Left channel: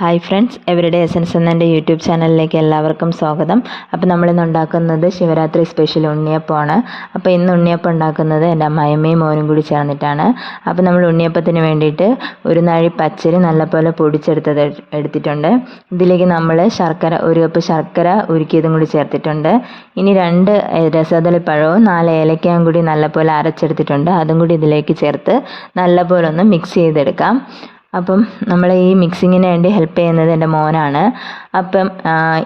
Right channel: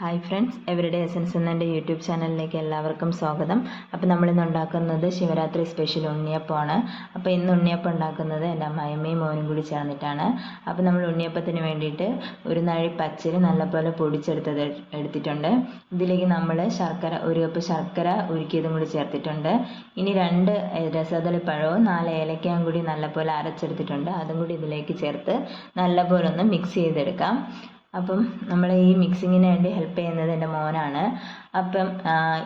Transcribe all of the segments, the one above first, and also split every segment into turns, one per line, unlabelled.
Hi friends എവരുടെ essence എന്ന എന്റെ YouTube ചാനലിലേക്ക് എല്ലാവർക്കും സ്വാഗതം. അപ്പോൾ നമ്മളിന്ന് ഉണ്ടാക്കുന്നത് ശിവരാത്രി സ്പെഷ്യൽ ഉണ്ണിയപ്പമാണ്. അപ്പോൾ ഇന്ന് ഉണ്ണിയപ്പം ഉണ്ടാക്കുന്നത് എന്റെ അമ്മായിമ്മയും മോനും കൂടി ചേർന്നിട്ടാണ്. അപ്പോൾ നമ്മൾ ഉണ്ണിയപ്പത്തിന് വേണ്ടിയിട്ട് ഒരു നാഴി പച്ചരി നല്ലപോലെ പൊടിച്ചെടുത്തത് എടുത്തിട്ടുണ്ട്. ഇതിലേക്ക് നമ്മൾ ശർക്കര ഒരു കപ്പ് ശർക്കര ഉരുക്കിയതും കൂടി ചേർത്തിട്ടുണ്ട്. ഇനി രണ്ട് രസതളിപ്പഴവും പഴവും നാല് ഏലക്കയും കൂടി നല്ലപോലെ അരച്ചെടുത്തിട്ടുണ്ട്. അതും കൂടി ഇതിലേക്ക് ചേർത്ത് നല്ലപോലെ ഒന്ന് മിക്സ് ചെയ്തെടുക്കാം. അപ്പം നമ്മൾ ഈ മിക്സിങ്ങിന് വേണ്ടി ഹെൽപ്പ് ചെയ്യുന്നത് എന്റെ മോനാണ്. അപ്പം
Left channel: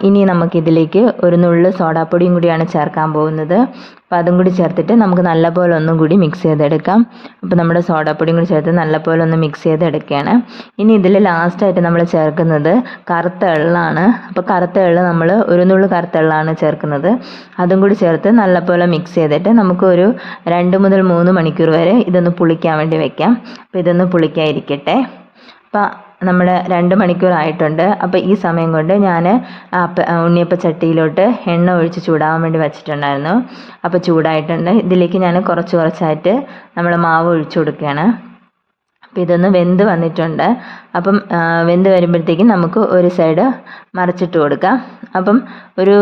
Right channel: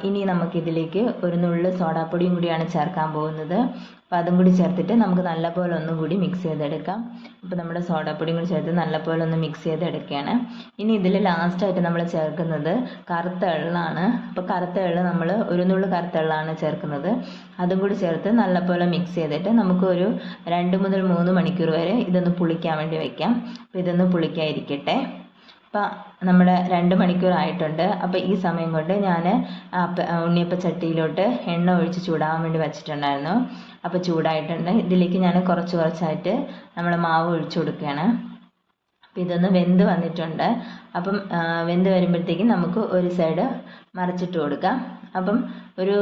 ഇനി നമുക്കിതിലേക്ക് ഒരു നുള്ള് സോഡാപ്പൊടിയും കൂടിയാണ് ചേർക്കാൻ പോകുന്നത്. അപ്പം അതും കൂടി ചേർത്തിട്ട് നമുക്ക് നല്ലപോലെ ഒന്നും കൂടി മിക്സ് ചെയ്തെടുക്കാം. അപ്പം നമ്മുടെ സോഡാപ്പൊടിയും കൂടി ചേർത്ത് നല്ലപോലെ ഒന്ന് മിക്സ് ചെയ്തെടുക്കുകയാണ്. ഇനി ഇതിൽ ലാസ്റ്റായിട്ട് നമ്മൾ ചേർക്കുന്നത് കറുത്ത എള്ളാണ്. അപ്പോൾ കറുത്ത എള്ള് നമ്മൾ ഒരു നുള്ള് കറുത്ത എള്ളാണ് ചേർക്കുന്നത്. അതും കൂടി ചേർത്ത് നല്ലപോലെ മിക്സ് ചെയ്തിട്ട് നമുക്കൊരു രണ്ട് മുതൽ മൂന്ന് മണിക്കൂർ വരെ ഇതൊന്ന് പുളിക്കാൻ വേണ്ടി വെക്കാം. അപ്പോൾ ഇതൊന്ന് പുളിക്കാതിരിക്കട്ടെ. അപ്പം നമ്മുടെ രണ്ട് മണിക്കൂറായിട്ടുണ്ട്. അപ്പോൾ ഈ സമയം കൊണ്ട് ഞാൻ ഉണ്ണിയപ്പ ചട്ടിയിലോട്ട് എണ്ണ ഒഴിച്ച് ചൂടാവാൻ വേണ്ടി വെച്ചിട്ടുണ്ടായിരുന്നു. അപ്പോൾ ചൂടായിട്ടുണ്ട്. ഇതിലേക്ക് ഞാൻ കുറച്ച് കുറച്ചായിട്ട് നമ്മൾ മാവ് ഒഴിച്ചു കൊടുക്കുകയാണ്. അപ്പോൾ ഇതൊന്ന് വെന്ത് വന്നിട്ടുണ്ട്. അപ്പം വെന്ത് വരുമ്പോഴത്തേക്കും നമുക്ക് ഒരു സൈഡ് മറിച്ചിട്ട് കൊടുക്കാം. അപ്പം ഒരു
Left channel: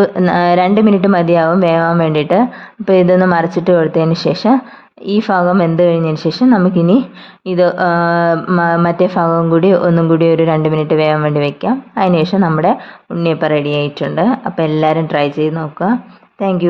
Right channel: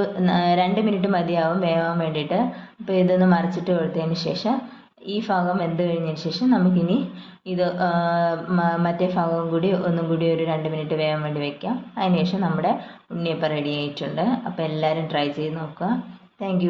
രണ്ട് മിനിറ്റ് മതിയാവും വേവാൻ വേണ്ടിയിട്ട്. അപ്പോൾ ഇതൊന്ന് മറിച്ചിട്ട് കൊടുത്തതിന് ശേഷം ഈ ഭാഗം വെന്ത് കഴിഞ്ഞതിന് ശേഷം നമുക്കിനി ഇത് മറ്റേ ഭാഗം കൂടി ഒന്നും കൂടി ഒരു രണ്ട് മിനിറ്റ് വേവാൻ വേണ്ടി വെക്കാം. അതിനുശേഷം നമ്മുടെ ഉണ്ണിയപ്പം റെഡി ആയിട്ടുണ്ട്. അപ്പോൾ എല്ലാവരും ട്രൈ ചെയ്ത് നോക്കുക. താങ്ക്